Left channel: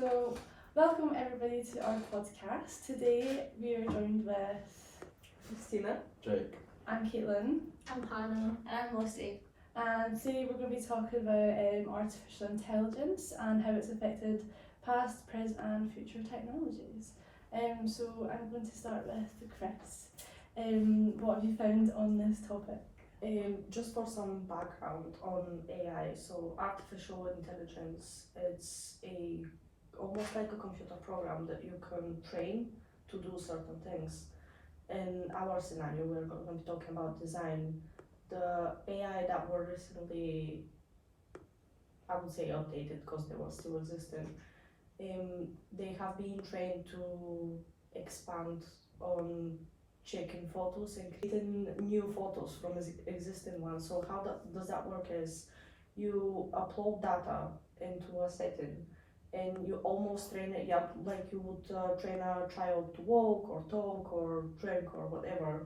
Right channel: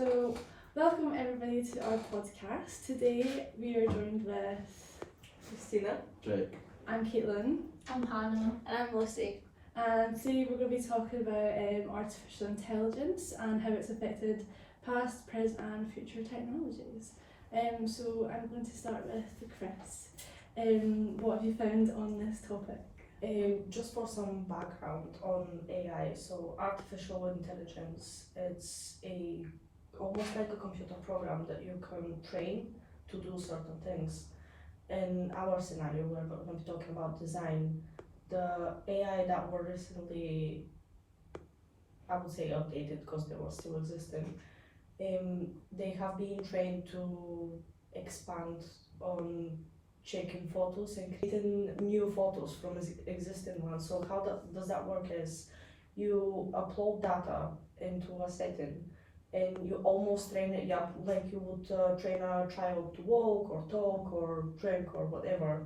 So, welcome everybody to our podcast. Today we are joined with Christina. Jake. I'm Caitlin, I'm Hannah. And I'm Lucy. and today we're going to be talking about artificial intelligence and how it's affected past, present, and future technologies. So I'm going to start with Chris. What have you found on this topic? Just for some background on AI, so artificial intelligence, it's almost like a computer program that you can train to do certain things. In our scenario, we're going to be talking about design. The AI that were recently, I would say updated because they were still existing, they have been trained to expand on checking photos and creating new photos from existing ones. So how does that work is you upload data into a setting and you almost train it up like you would train a child to walk or talk or drink or whatever.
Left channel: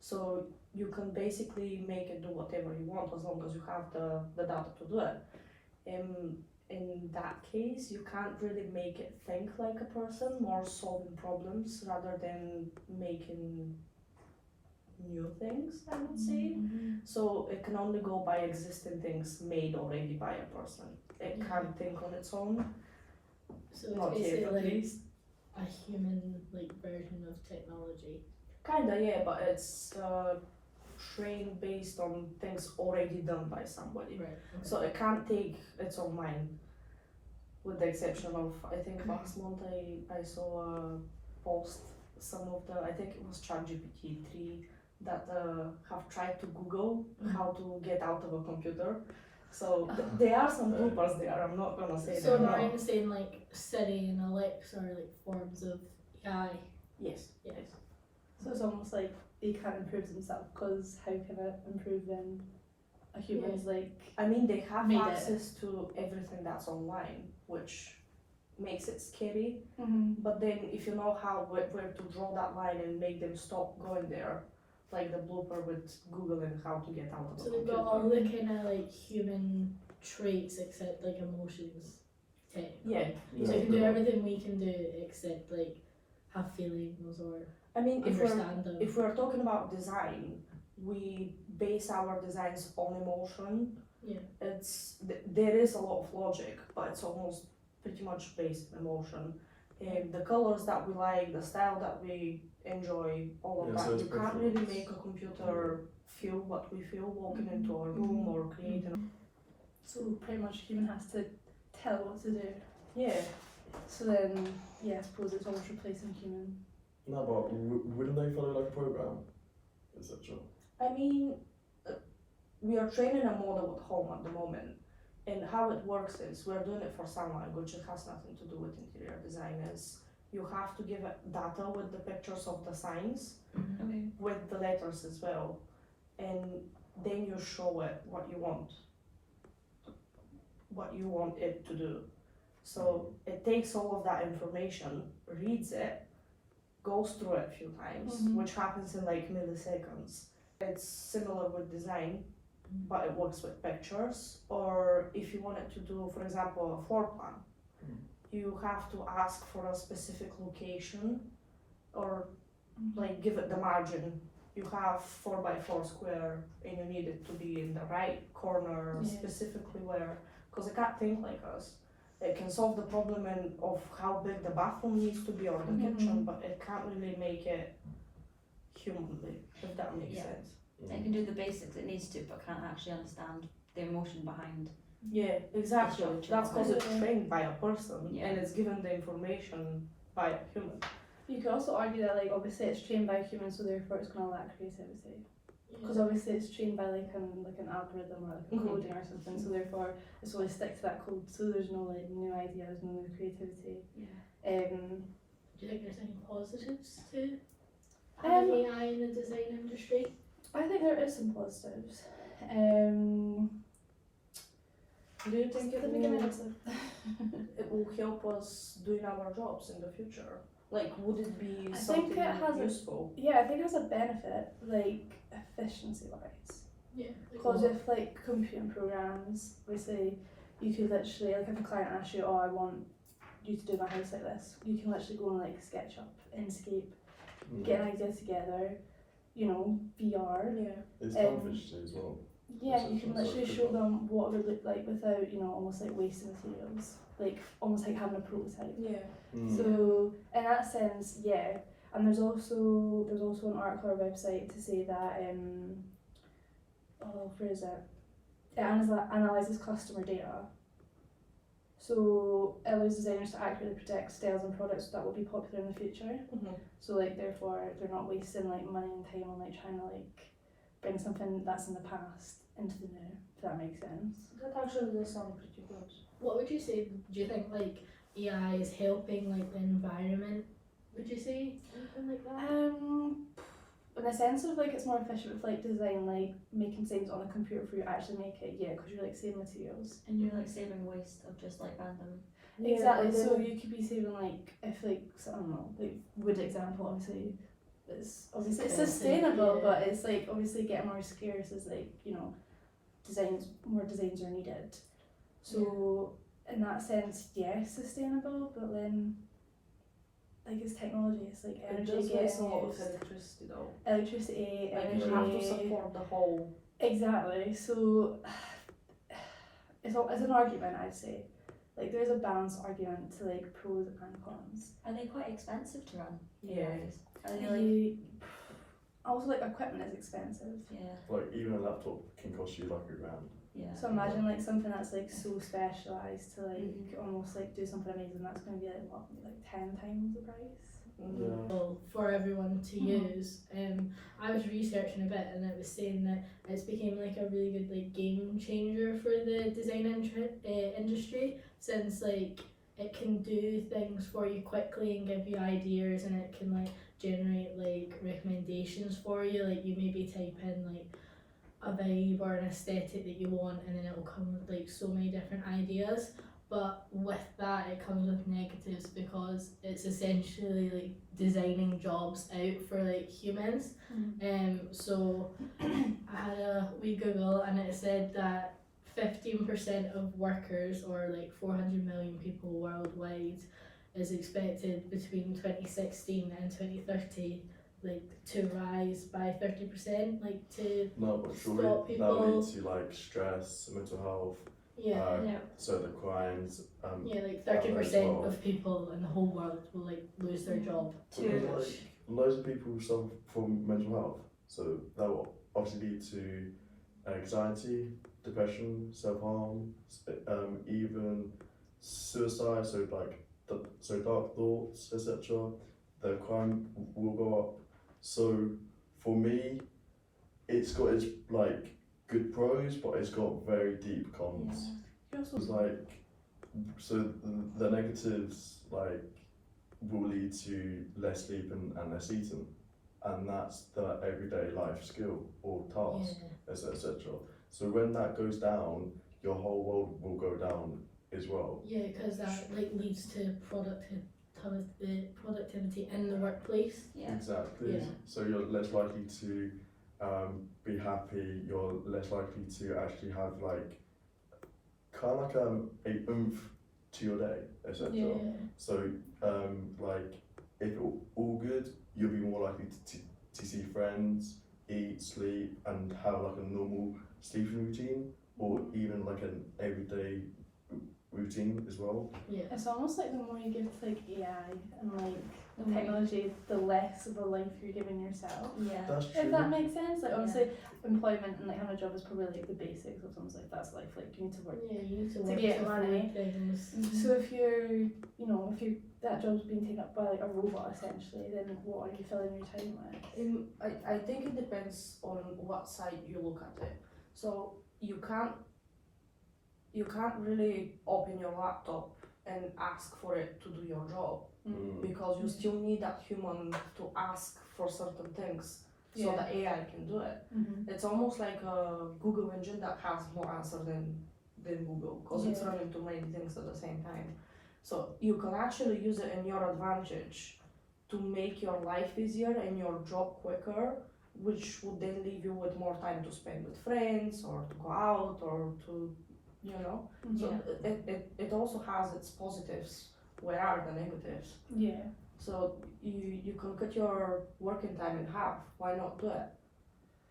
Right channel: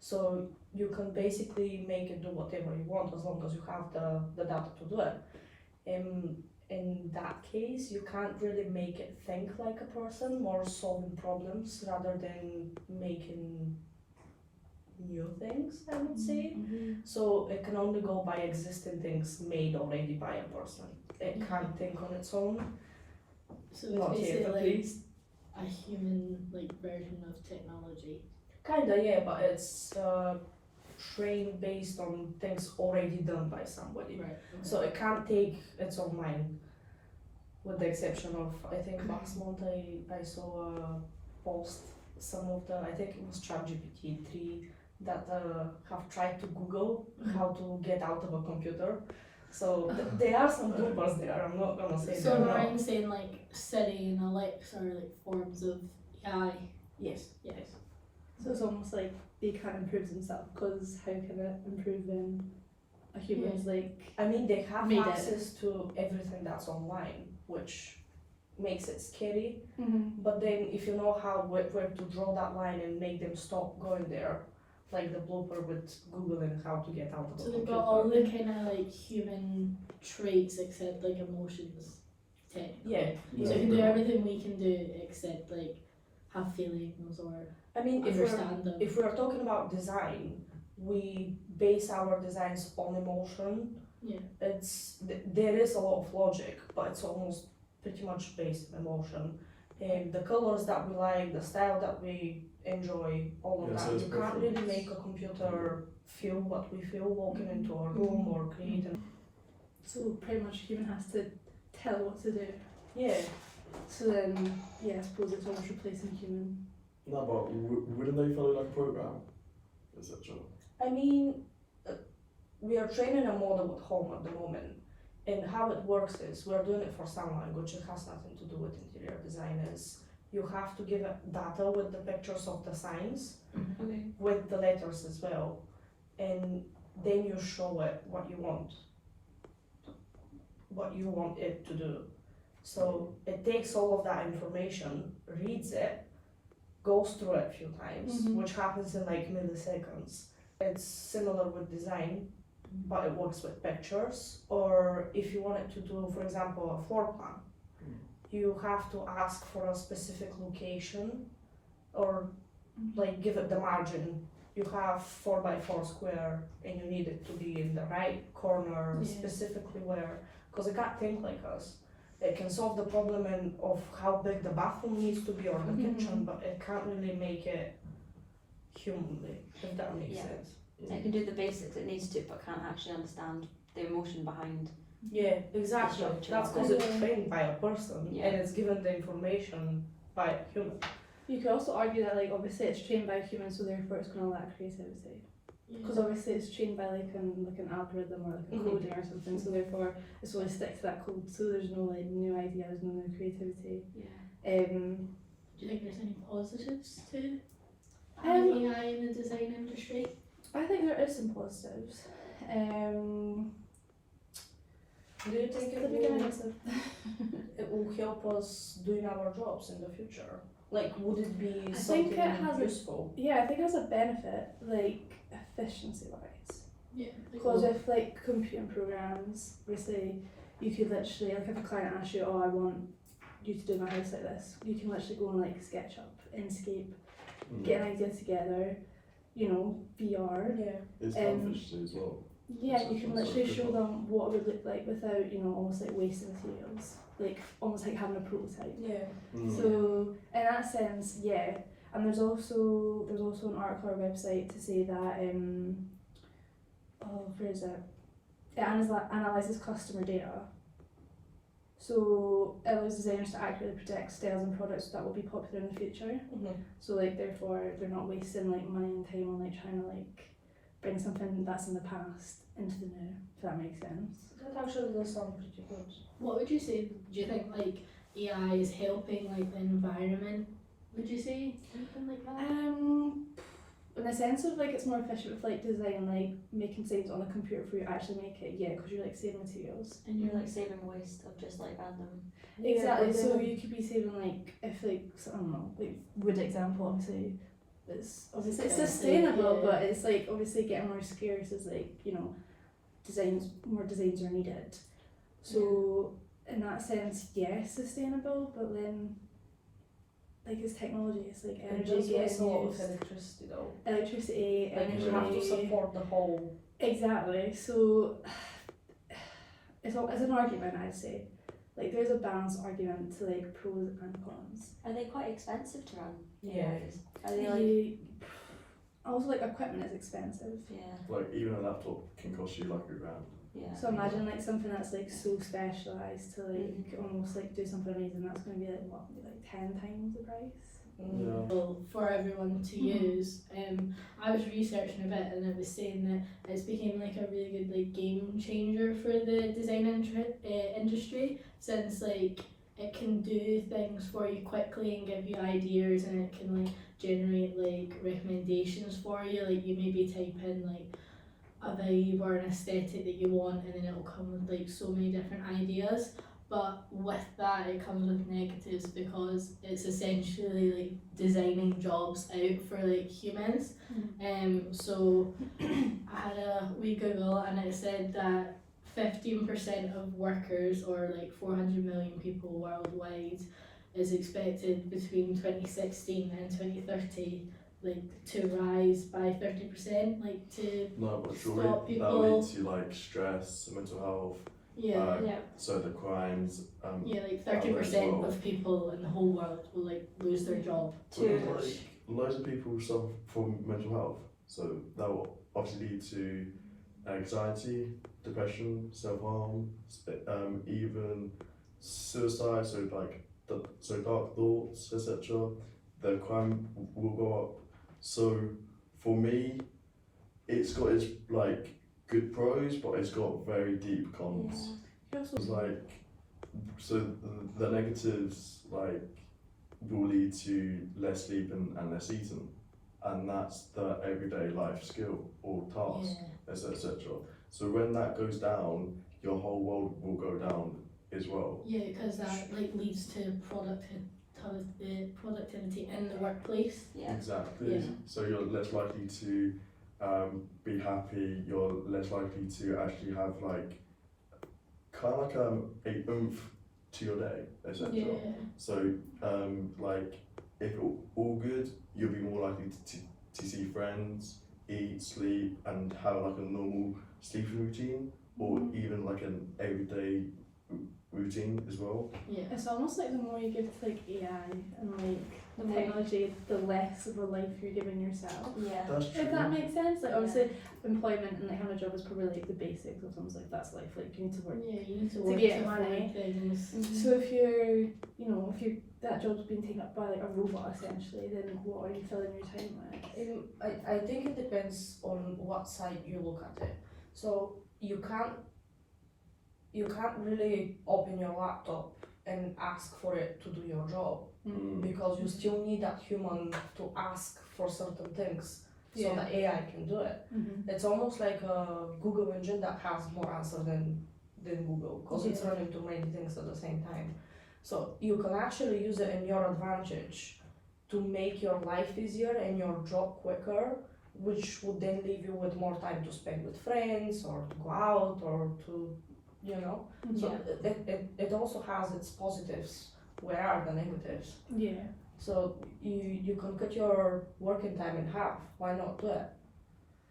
So you can basically make it do whatever you want as long as you have the data to do it. In that case, you can't really make it think like a person, more solving problems rather than making new things, I would say. So it can only go by existing things made already by a person. It can't think on its own. So Not it's here, at basically least. a human version of technology. Kinda, yeah, but it's trained based on things already done by somebody. Right. So it can't take its own mind, with the exception of, I think last month I saw a post, some of the, I think it was ChatGPT 3 that have tried to Google how to get out of a computer. So there are some bloopers there, I'm not gonna say So they're not. Ryan's saying like Siri and Alexa are like forms of AI. Yes. Yes. So it's almost like they can't improve themselves because how can it improve when a human's I mean, they have Made it. access to everything that's online, which makes it scary. Mm-hmm. But then if you know where to draw that line and make them stop going there, like the blooper with Googling how to get out of the So they've computer. got all the kind of like human traits except like emotions. Technically. Yeah. So they can do everything we can do except like have feelings or I mean, understand them. if we're talking about design, we base our designs on emotion. Yeah. There is a lot of logic, but it's almost pretty much based on emotion. And the colors that we like, the style that we enjoy, all of Yeah, so that. it's You can't really preference. make a computer feel what we feel walking into a room or creating. So pretty much a human has to tell what to do. Yeah. So then, yeah, I suppose it's almost replacing human. No, but wouldn't they follow like a program, etc.? I mean, we are training a model at home at the moment, and how it works is we're doing it for sign language. It has nothing to do with interior design. Is you have to give it data with the pictures of the signs, Okay. with the letters as well, and then you show it what you want it to do. So it takes all of that information, reads it, goes through it a few times, Mhm. which happens in like milliseconds. It's similar with design, but it works with pictures. Or if you wanted to do, for example, a floor plan, you have to ask for a specific location or like give it the margin. You have 4x4 square and you need it to be in the right corner, Yeah. specifically where, because it can't think like us. It can solve the problem of how big the bathroom needs to be or the kitchen, but it can't really make it humanly, if that makes Yeah. sense. It can do the basics it needs to, but can't actually understand the emotion behind. Yeah, exactly. Sure, That's sure. because it's trained by a person Yeah. and it's given the information by a human. You could also argue that, like, obviously it's trained by humans, so therefore it's going to lack creativity. Because obviously it's trained by like an algorithm or like a Mhm. coding or something, so therefore it's only stick to that code. So there's no like new ideas, no new creativity. Yeah. Do you think there's any positives to having AI in the design industry? I think there is some positives. Do you think The beginning is a- it will help us doing our jobs in the future? Like, would it be I something think it has a- useful? yeah, I think it has a benefit, like efficiency wise. Yeah. Because if like computing programs, we say you could literally, like if a client asks you, oh I want you to do my house like this. You can literally go on like SketchUp, Inkscape, Mm. get an idea together, you know, VR. Yeah. It's um, fun visually as well. Yeah, you can That's literally good show one. them what it would look like without, you know, almost like wasting materials. Like almost like having a prototype. Yeah. Mm. So in that sense, yeah. And there's also an article or website to say that where is it? It analyzes customer data. So it allows designers to accurately predict styles and products that will be popular in the future. Mhm. So like therefore they're not wasting like money and time on like trying to like bring something that's in the past into the new, if that makes sense. That actually does sound pretty good. What would you say? Do you think like AI is helping like the environment? Would you say anything like that? In the sense of like it's more efficient with like design, like making things on a computer before you actually make it, yeah, because you're like saving materials. And you're like saving waste of just like random. Exactly. but So then- you could be saving like if like I don't know, like wood example obviously it's obviously it's Expensive, sustainable, yeah. but it's like obviously getting more scarce as like, you know, more designs are needed. So in that sense, yes, sustainable, but then like it's technology, it's like It energy does waste a lot getting of used, electricity though. electricity, Like energy. you have to support the whole. Exactly. So it's an argument, I'd say. Like there's a balanced argument to like pros and cons. Are they quite expensive to run? Yeah. AIs? Are they like? You, also like equipment is expensive. Yeah. Like even a laptop can cost you like £1,000. Yeah. So imagine like something that's like so specialised to like almost like do something amazing, that's gonna be like what, maybe like 10 times the price. Yeah. Well, for everyone to Mhm. use. I was researching a bit and it was saying that it's became like a really good like game changer for the design industry, since like it can do things for you quickly and give you ideas, and it can like generate like recommendations for you. Like you maybe type in like a vibe or an aesthetic that you want, and then it'll come with like so many different ideas. But with that, it comes with negatives because it's essentially like designing jobs out for like humans. So I had a wee Google and it said that 15% of workers, or like 400 million people worldwide, is expected between 2016 and 2030 like to rise by 30%, like to No, but surely Stop that people- leads to like stress, mental health, yeah. Yeah. so the crimes. Yeah, like that way as 30% well. of people in the whole world will like lose their job. Because, like, loads of people suffer from mental health, so that will obviously lead to anxiety, depression, self-harm, even suicide. So like, so dark thoughts, etc. The crime will go up. So for me, it's got its like good pros, but it's got very deep cons. You also It's like, so the negatives like will lead to less sleep and less eating, and that's the everyday life skill or task, etc. So when that goes down, your whole world will go down as well. Yeah, because that like leads to productivity in the workplace. Yeah. Exactly. Yeah. So you're less likely to be happy. You're less likely to actually have like kind of like a oomph to your day, etc. Yeah. So, like, if all good, you'll be more likely to see friends, eat, sleep, and have like a normal sleeping routine, or even like an everyday routine as well. Yeah. It's almost like the more you give to like AI and like technology, the less of a life you're giving yourself. Yeah. That's true. If that makes sense, like obviously employment and like having a job is probably like the basics of someone's life. That's life. Like you need to work. Yeah, you need to To work get to money. find things. So if you're that job's being taken up by like a robot essentially, then what are you filling your time with? I think it depends on what side you look at it. So you can't really open your laptop and ask for it to do your job, because you still need that human to ask for certain things so Yeah. that AI can do it. Mm-hmm. It's almost like a Google engine that has more answers than Google, because it's Yeah. running too many things at the same time. So you can actually use it in your advantage to make your life easier and your job quicker, which would then leave you with more time to spend with friends or to go out or to, you know. So Yeah. it also has its positives where are the negatives? Yeah. So you can cut your working time in half. Why not do it?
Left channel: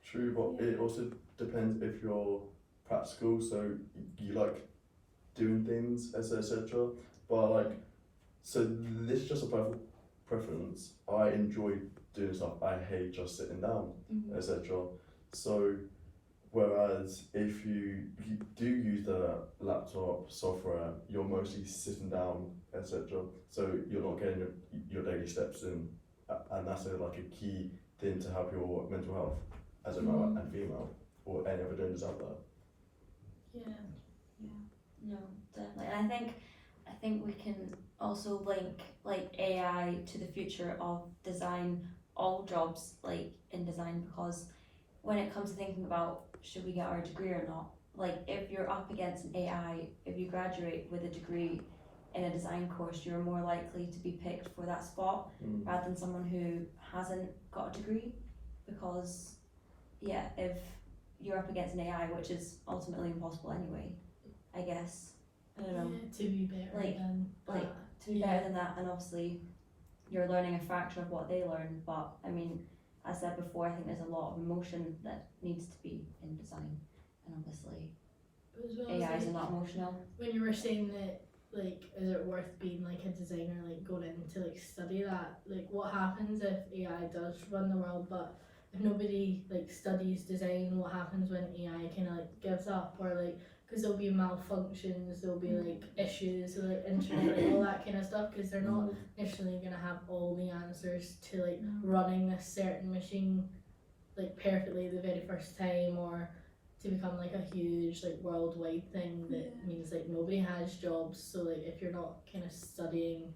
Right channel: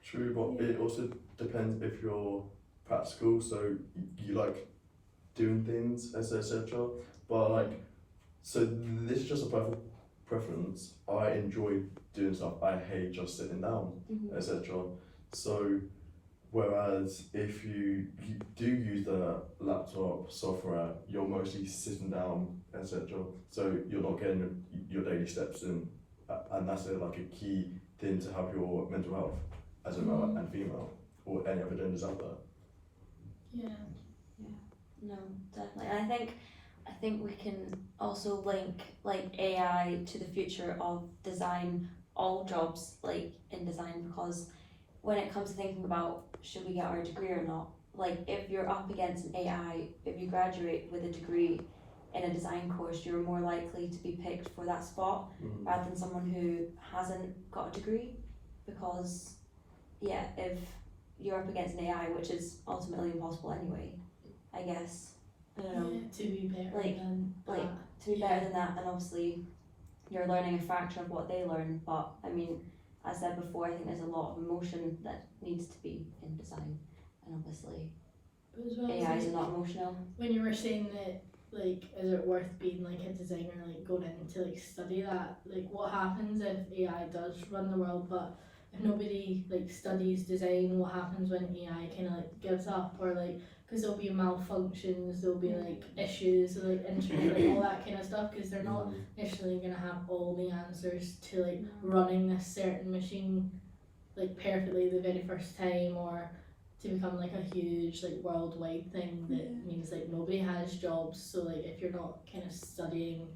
True, but it also depends if you're practical, so you like doing things, etc. But like, so this is just a personal preference. I enjoy doing stuff. I hate just sitting down, Mhm. etc. So, whereas if you do use the laptop software, you're mostly sitting down, etc. So you're not getting your daily steps in, and that's like a key thing to have your mental health as a male and female, or any other genders out there. Yeah. No, definitely. And I think we can also link like AI to the future of design, all jobs like in design, because when it comes to thinking about should we get our degree or not, like if you're up against an AI, if you graduate with a degree in a design course, you're more likely to be picked for that spot rather than someone who hasn't got a degree, because yeah, if you're up against an AI, which is ultimately impossible anyway, I guess. I don't know. Yeah, to be better Like- than like, that. To be Yeah. better than that, and obviously you're learning a fraction of what they learn, but I mean, as I said before, I think there's a lot of emotion that needs to be in design, and obviously But as well as, AIs are like, not emotional. when you were saying that, like, is it worth being like a designer, like going in to like study that? Like, what happens if AI does run the world, but if nobody like studies design, what happens when AI kind of like gives up, or like, because there'll be malfunctions, there'll be like issues, like internet, like all that kind of stuff, because they're not necessarily gonna have all the answers to like running a certain machine like perfectly the very first time, or to become like a huge like worldwide thing that Yeah. means like nobody has jobs. So like if you're not kind of studying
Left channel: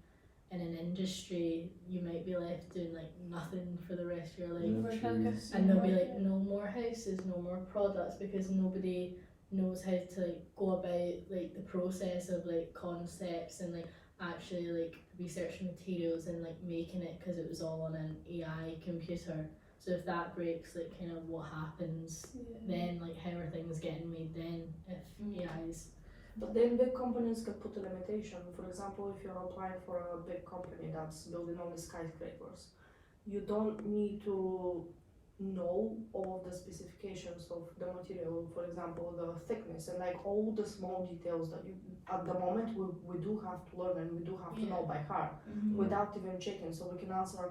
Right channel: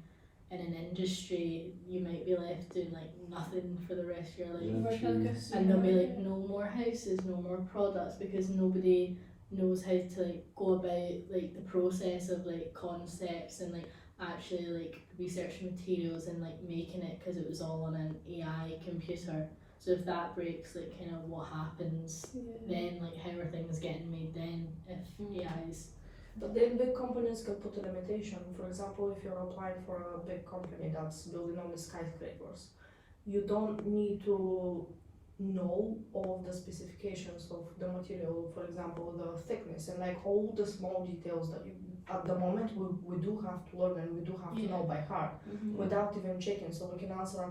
in an industry, you might be left doing like nothing for the rest of your life. Yeah. Working like a And there'll be like supermarket. no more houses, no more products, because nobody knows how to like go about like the process of like concepts and like actually like researching materials and like making it, because it was all on an AI computer. So if that breaks, like kind of what happens Yeah. then, like how are things getting made then if AI's But then big companies can put a limitation. For example, if you're applying for a big company that's building all the skyscrapers, you don't need to know all the specifications of the material, for example, the thickness and like all the small details that you, at the moment we do have to learn and we do have to know by heart without even checking, so we can answer our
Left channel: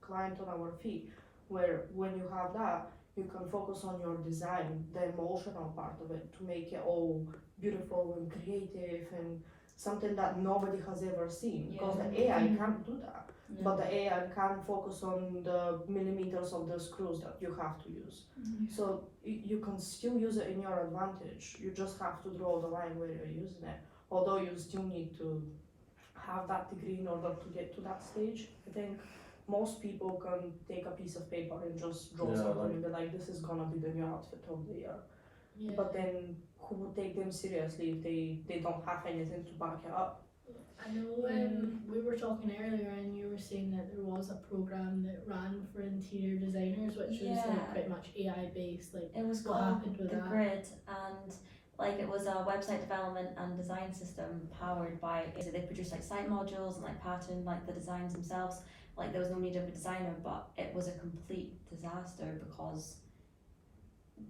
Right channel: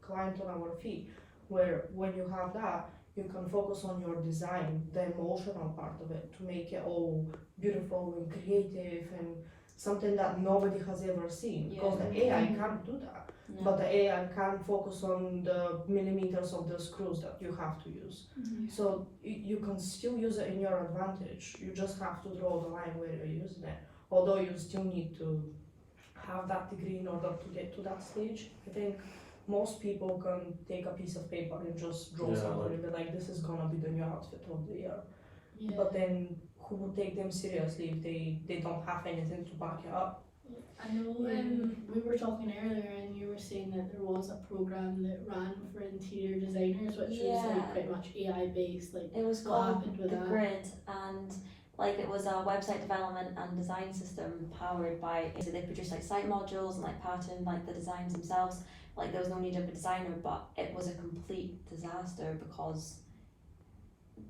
client on our feet, where when you have that, you can focus on your design, the emotional part of it, to make it all beautiful and creative and something that nobody has ever seen, because the AI can't do that. But the AI can focus on the millimeters of the screws that you have to use. So you can still use it in your advantage. You just have to draw the line where you're using it. Although you still need to have that degree in order to get to that stage. I think most people can take a piece of paper and just draw something and be like, this is gonna be the new outfit of the year. yeah. But then who would take them seriously if they don't have anything to back it up? I know we were talking earlier and you were saying that there was a program that ran for interior designers, which was Yeah. like pretty much AI based, like It was what called happened with The that? Grid, and like it was a website development and design system powered by, so they produced like site modules and like pattern like the designs themselves. Like there was no need of a designer, but it was a complete disaster because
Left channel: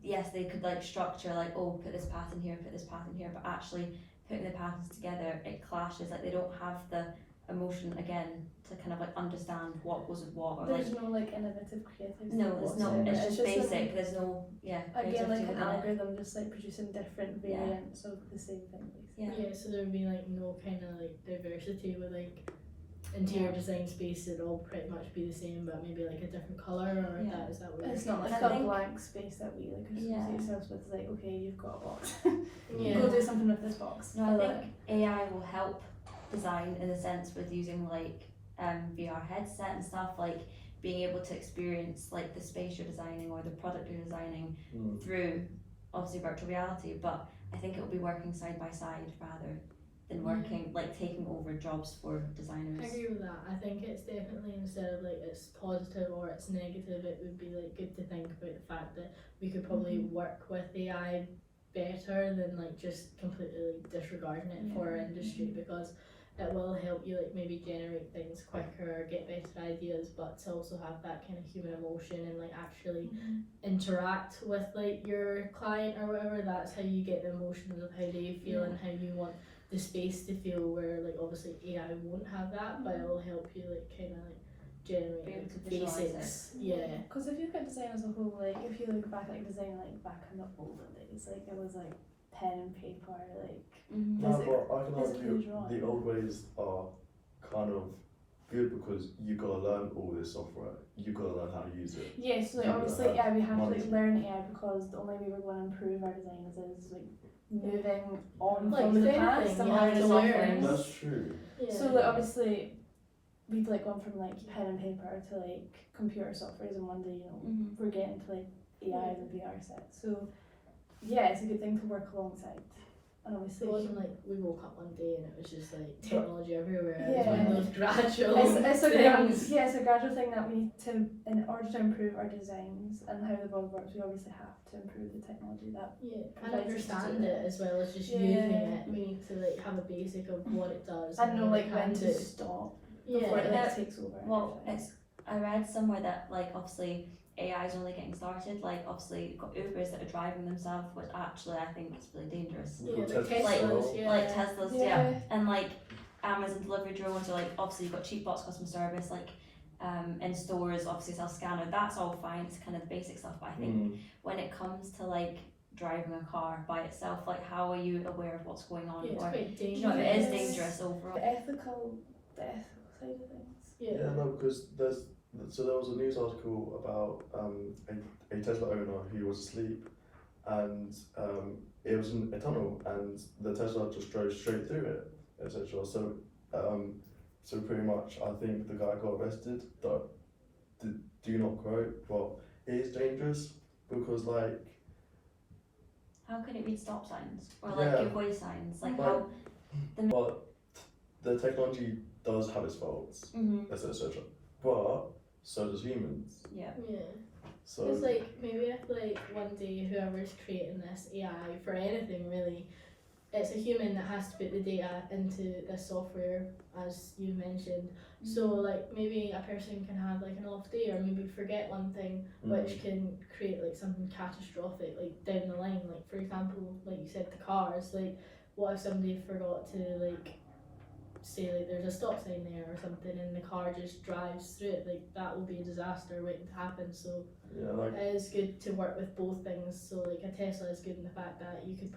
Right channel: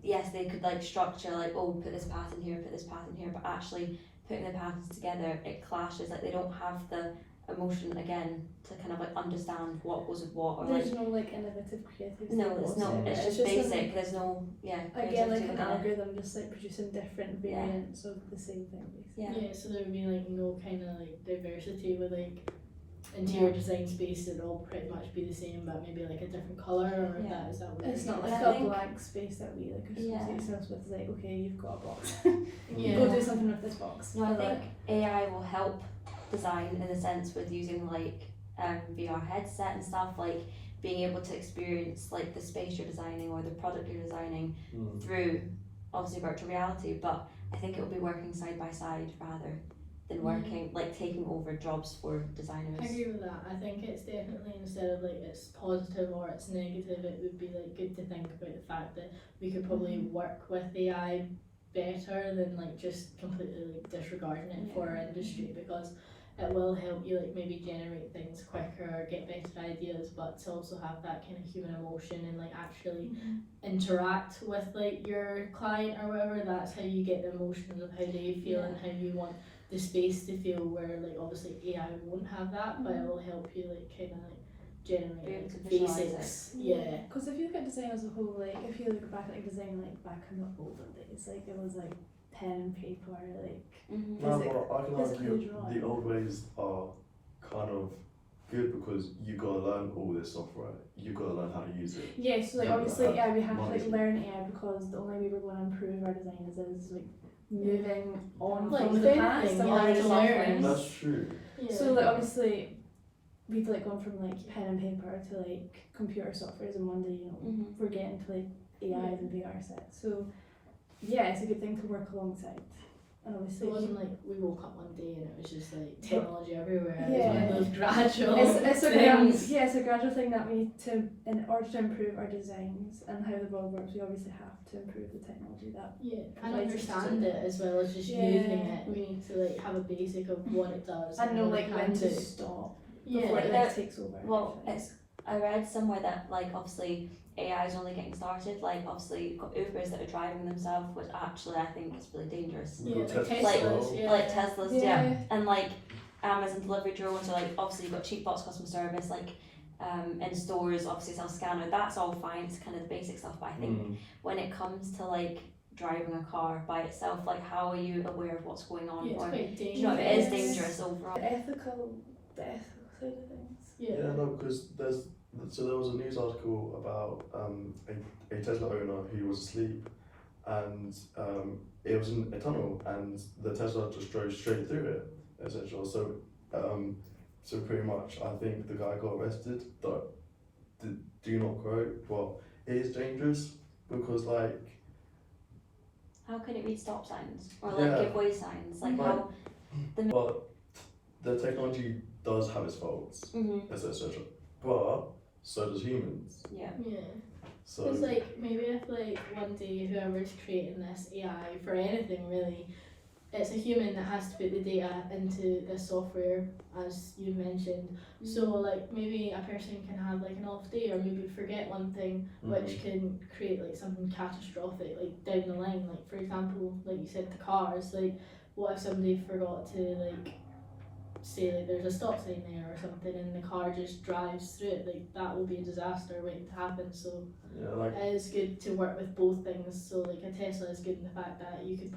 yes, they could like structure like, oh, put this pattern here, put this pattern here, but actually putting the patterns together, it clashes. Like they don't have the emotion again to kind of like understand what goes with what, or There's like no like innovative creativity. no, it's not. whatsoever. It's just an- basic. There's no Again, like creativity an within it. algorithm just like producing different Yeah. variants of the same thing basically. Yeah. Yeah, so there would be like no kind of like diversity with like interior design space. It'd all pretty much be the same, but maybe like a different color, or Yeah. that is that what It's you're not And like I a think- blank space that we like associate Yeah. ourselves with, like, okay, you've got a box. Yeah. Go do something with this box. No, I But, think AI will help design in the sense with using like VR headset and stuff, like being able to experience like the space you're designing or the product you're designing through obviously virtual reality. But I think it will be working side by side rather than working like taking over jobs for designers. I agree with that. I think it's definitely, instead of like it's positive or it's negative, it would be like good to think about the fact that we could probably work with AI better than like just completely like disregarding it for our industry, because it will help you like maybe generate things quicker or get better ideas, but to also have that kind of human emotion and like actually interact with like your client or whatever. That's how you get the emotions of how they feel and how you want the space to feel, where like obviously AI won't have that, but it will help you like kind of like Be generate able like to visualise basics. Yeah. Because if you look at design as a whole, like if you look back at like design like back in the olden days, like it was like pen and paper, like Mm-hmm. No, Physic- but I can physically argue drawing. the old ways are kind of good because you gotta learn all this software. You gotta learn how to use it. yeah, so like Yeah, obviously have yeah we have to knowledge. like learn AI because the only way we're going to improve our designs is like moving on Like from with the anything, past and you have learning to new learn. things. That's true. Yeah. So like obviously we've like gone from like pen and paper to like computer softwares, and one day Mm-hmm. we're getting to like AIs and VR sets. So yeah, it's a good thing to work alongside. And obviously It wasn't like we woke up one day and it was just like technology everywhere. It was one Yeah. of those gradual it's a things. yeah, it's a gradual thing that we need to, in order to improve our designs and how the world works, we obviously have to improve the technology that. Yeah, and provides us to understand do it as well as just Yeah. using it. We need to like have a basic of what it does And know what like it when can to do. stop Yeah, before it like Yeah. takes over. and Well, everything. I read somewhere that like obviously AI is only getting started. Like obviously you've got Ubers that are driving themselves, which actually I think is really dangerous. We've yeah, got the Tesla as Teslas, well. yeah. Like Teslas, Yeah. yeah. And like Amazon delivery drones, or like obviously you've got cheap box customer service, like in stores, obviously self scanner. That's all fine. It's kind of the basic stuff. But I think when it comes to like driving a car by itself, like how are you aware of what's going on? Yeah, it's Or quite do you know dangerous. it is Yes. dangerous overall. the ethical side of things. Yeah. Yeah, no, because there was a news article about a Tesla owner who was asleep, and it was in a tunnel, and the Tesla just drove straight through it, essentially. So pretty much, I think the guy got arrested. But do not quote, but it is dangerous because like How can it read stop signs or like Yeah. give way signs? Like Right. how? but the technology does have its faults, Mm-hmm. etc. But so does humans. Yeah. Yeah. So Because like maybe if like one day whoever's creating this AI for anything really, it's a human that has to put the data into this software, as you mentioned. So like maybe a person can have like an off day or maybe forget one thing, which can create like something catastrophic like down the line. Like for example, like you said, the cars. Like what if somebody forgot to like say like there's a stop sign there or something and the car just drives through it? Like that will be a disaster waiting to happen. So yeah, like it is good to work with both things. So like a Tesla is good in the fact that you can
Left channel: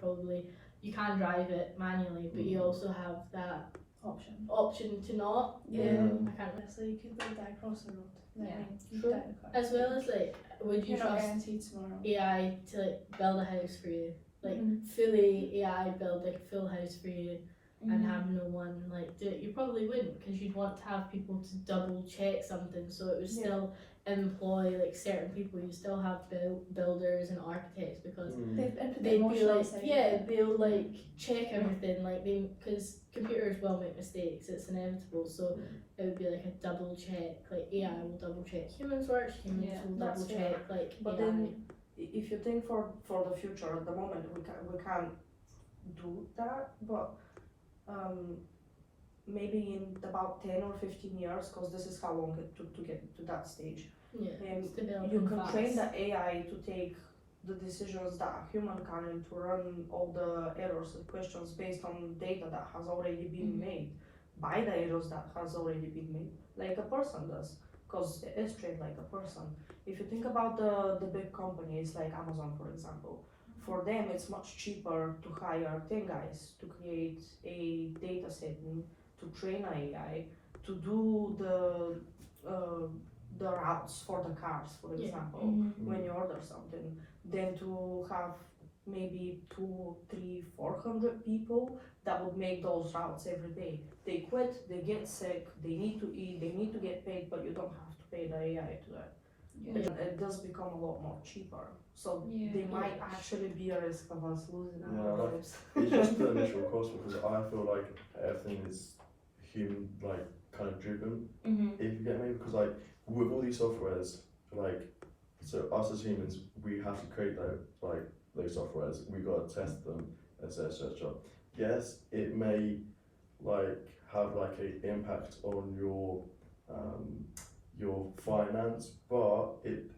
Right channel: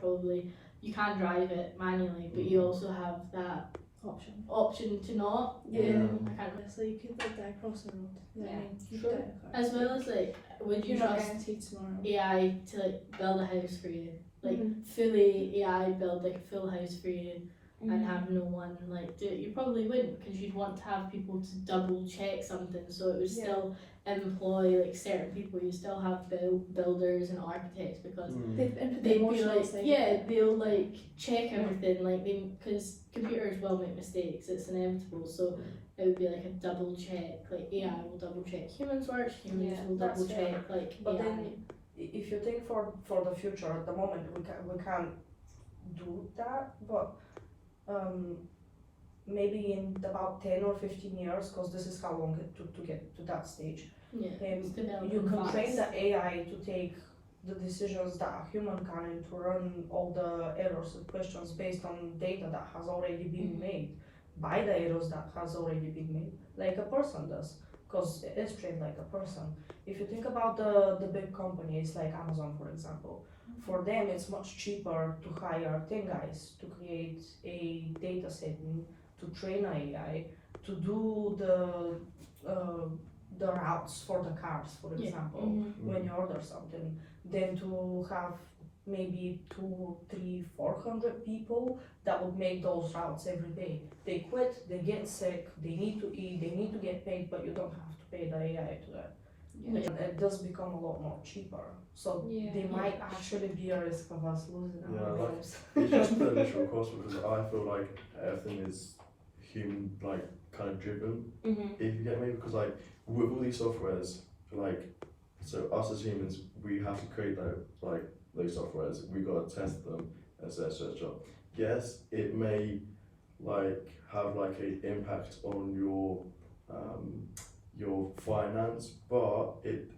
drive it manually, but you also have that option to not. Yeah. I can't remember. So you could like die across the road. You know what I Yeah. mean? You Sure. could die in a car. As well as like, would you You're not trust guaranteed tomorrow. AI to like build a house for you? Like Mhm. fully AI build like a full house for you and Mhm. have no one like do it? You probably wouldn't, because you'd want to have people to double check something, so it would Yeah. still employ like certain people. You still have builders and architects, because They've input the they'd be emotional like, side. yeah, they'll like check everything, like because computers will make mistakes, it's inevitable. So it would be like a double check. Like AI will double check humans' work, humans Yeah, will that's double check like But AI. then, if you think for the future, at the moment we can't do that. But maybe in about 10 or 15 years, because this is how long it took to get to that stage. Yeah, it's developing You can fast. train the AI to take the decisions that a human can, and to run all the errors and questions based on data that has already been Mhm. made by the errors that has already been made, like a person does, because it is trained like a person. If you think about the big companies like Amazon, for example, for them it's much cheaper to hire 10 guys to create a data set and to train AI to do the routes for the cars, for Yeah. example, Mhm. when you order something, than to have maybe 2, 3, 400 people that would make those routes every day. They quit, they get sick, they need to eat, they need to get paid, but you don't have to pay the AI to that. Yeah. It does become a lot more cheaper. So Yeah. there might actually be a risk of us losing Yeah, our like- lives. it's just the initial cost, because I feel like everything is human, like kind of driven. Mhm. If you get me, because like with all these softwares, like so us as humans, we have to create those softwares. We gotta test them, etc. Yes, it may like have like a impact on your finance, but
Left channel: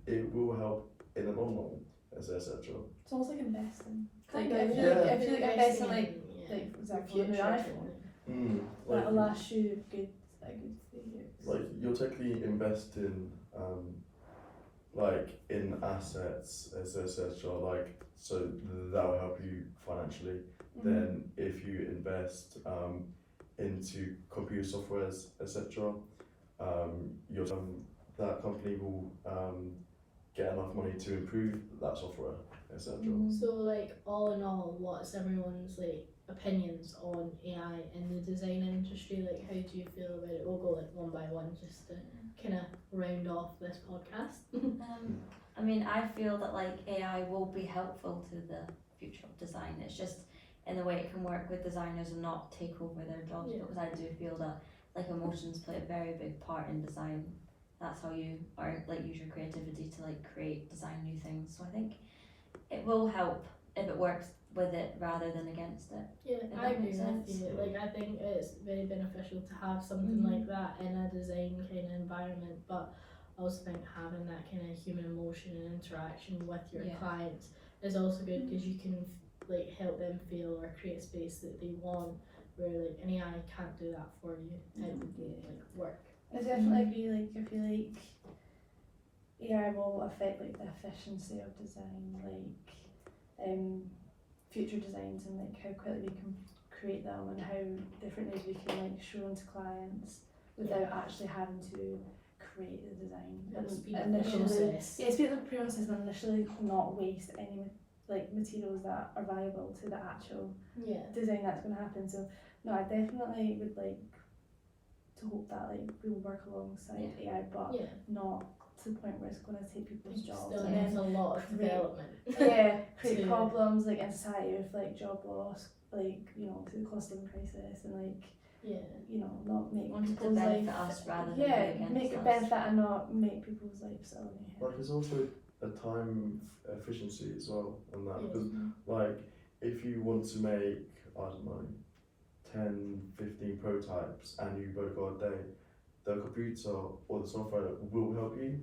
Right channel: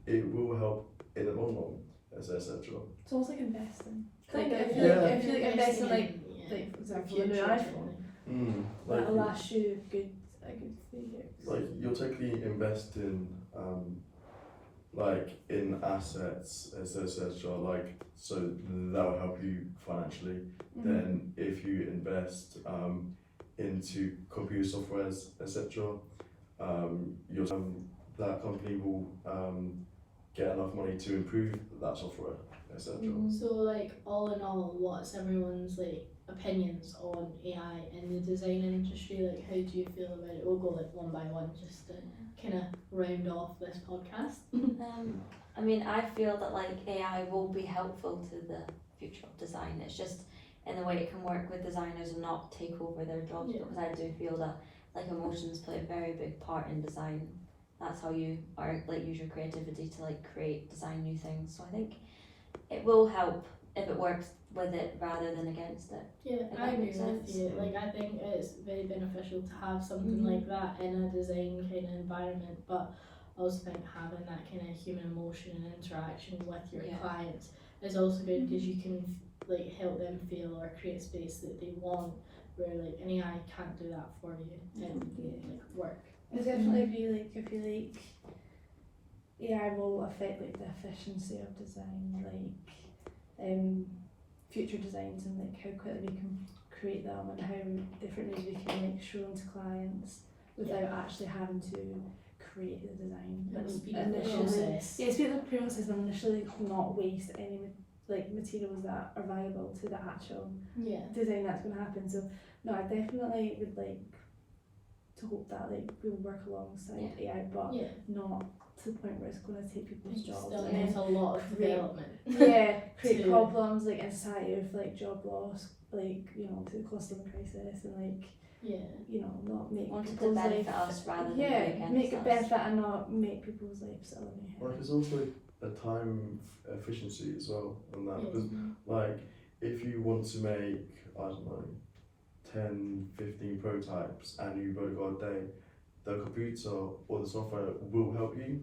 it will help in the long run, etc. It's almost like investing. Kind Like, I of, feel yeah. like investing, like, yeah, like for for example, the future iPhone, Like that'll last you a good 3 years. like you'll technically invest in like in assets, etc. Like so that will help you financially. Mhm. Then if you invest into computer softwares, etc., your that company will get enough money to improve that software, etc. Mhm. So like all in all, what's everyone's like opinions on AI in the design industry? Like how do you feel about it? We'll go like one by one just to kind of round off this podcast. I mean, I feel that like AI will be helpful to the future of design. It's just in the way it can work with designers and not take over their jobs. Yeah. Because I do feel that like emotions play a very big part in design. That's how you are like use your creativity to like create, design new things. So I think it will help if it works with it rather than against it. Yeah, If I that agree makes with sense. you. Like I think it's very beneficial to have something Mhm. like that in a design kind of environment, but I also think having that kind of human emotion and interaction with your Yeah. clients is also good because you can like help them feel or create space that they want. Where like an AI can't do that for you. It would like work. I definitely agree. Like I feel like AI will affect like the efficiency of design, like future designs and like how quickly we can create them and how different ways we can like show them to clients without actually having to create the design. Like And speed up the initially, process. yeah, speed up the process and initially not waste any like materials that are valuable to the actual Yeah. design that's going to happen. So no, I definitely would like to hope that like we'll work alongside AI, but Yeah. not to the point where it's going to take people's jobs. Still and needs then a lot of create- development. yeah, create to- problems like in society of like job loss, like you know, to the cost of living crisis, and like Yeah. you know, not make Want it to people's life benefit us rather than yeah, be against make it us. benefit and not make people's lives so Like it's also a time efficiency as well, and that because like if you want to make I don't know 10, 15 prototypes and you've only got a day, the computer or the software will help you.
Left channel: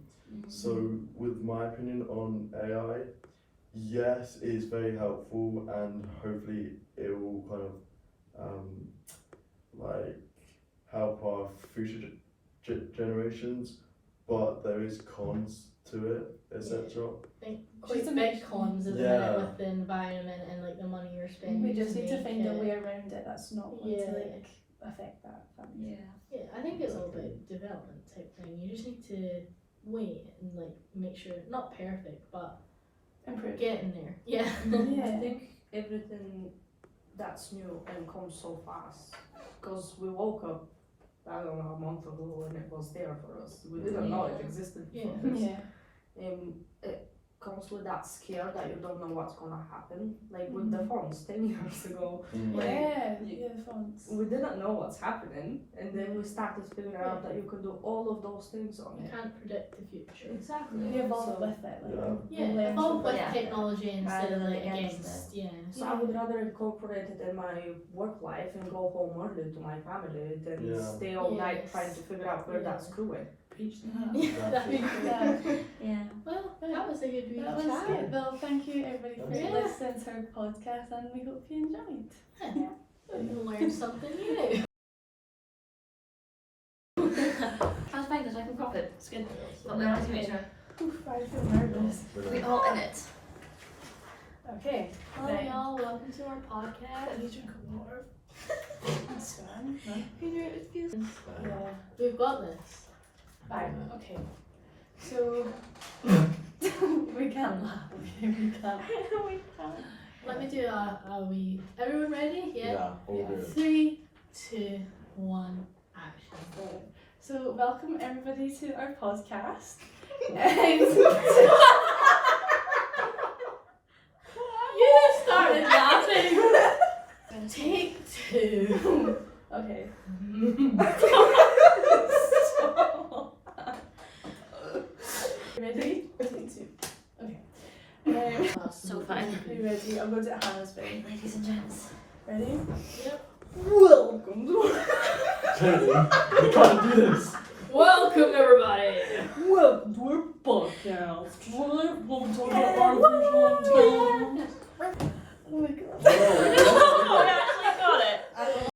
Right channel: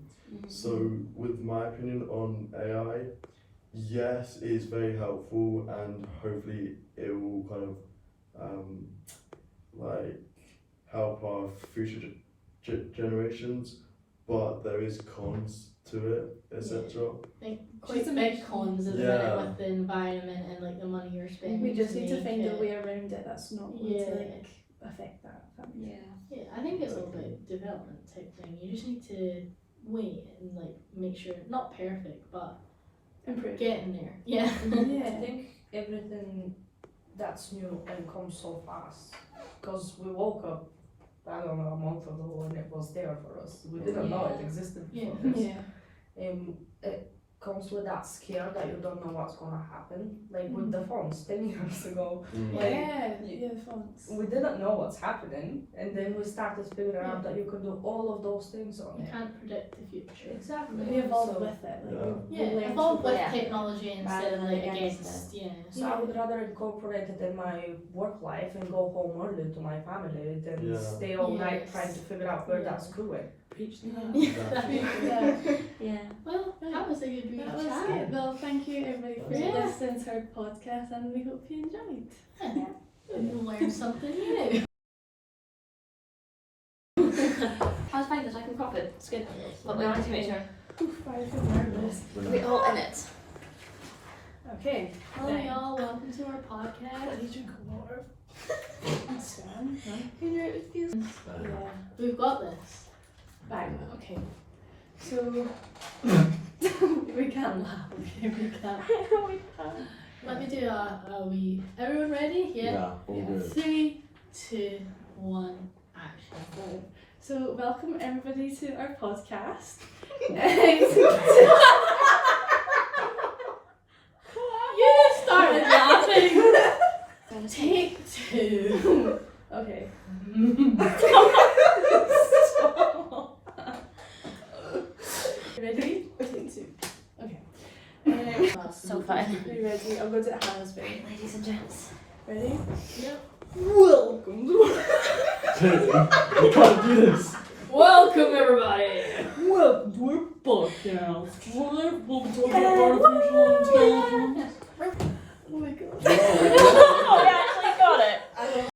So with my opinion on AI, yes, it is very helpful and hopefully it will kind of like help our future generations, but there is cons to it, etc. I think Just quite to big make- cons isn't Yeah. it with the environment and like the money you're spending. we just need to make find a it- way around it that's not going Yeah. to like affect that. If that makes Yeah. Yeah, I think it's all about development type thing. You just need to wait and like make sure not perfect, but improve. getting there. Yeah. Yeah. I think everything that's new and comes so fast because we woke up, I don't know, a month ago and it was there for us. We didn't know it Yeah. existed Yeah. before this. Yeah. It comes with that scare that you don't know what's gonna happen. Like with the phones 10 years ago, Yeah, you- yeah, the fonts. we didn't know what's happening, and then we started figuring out Yeah. that you could do all of those things on You it. can't predict the future. Exactly. We evolved So- with it. Like, Yeah. we Yeah, learned evolve from with Yeah. technology instead Rather of than like against against. Yeah. So I would rather incorporate it in my work life and go home early to my family than Yeah. stay all night Yes. trying to figure out where Yeah. that's going. preach to that. Exactly. Yeah. Well, that was a good week That was chat. good. Well, thank you everybody for Yeah. listening to our podcast, and we hope you enjoyed. You learned something new. How's finders? I can pop it. It's good. But we have to make sure. Oof, I feel nervous. We're all in it. Okay. Hello y'all, welcome to our podcast. Let me drink of water. Swan. Yeah. We've got this. Bang. Okay. So we can't laugh. Okay, we can't. Let me do a wee. Everyone ready? Yeah. all good. 3, 2, 1, action. So welcome everybody to our podcast. You started laughing. Take 2. Okay. Ready? Take 2. Okay. So fun. Are you ready? I'm going to Hannah's way. Ladies and gents. Ready? Yep. Welcome to Clearly, we can't do this. Welcome everybody. Welcome to our podcast. Today we'll be talking about artificial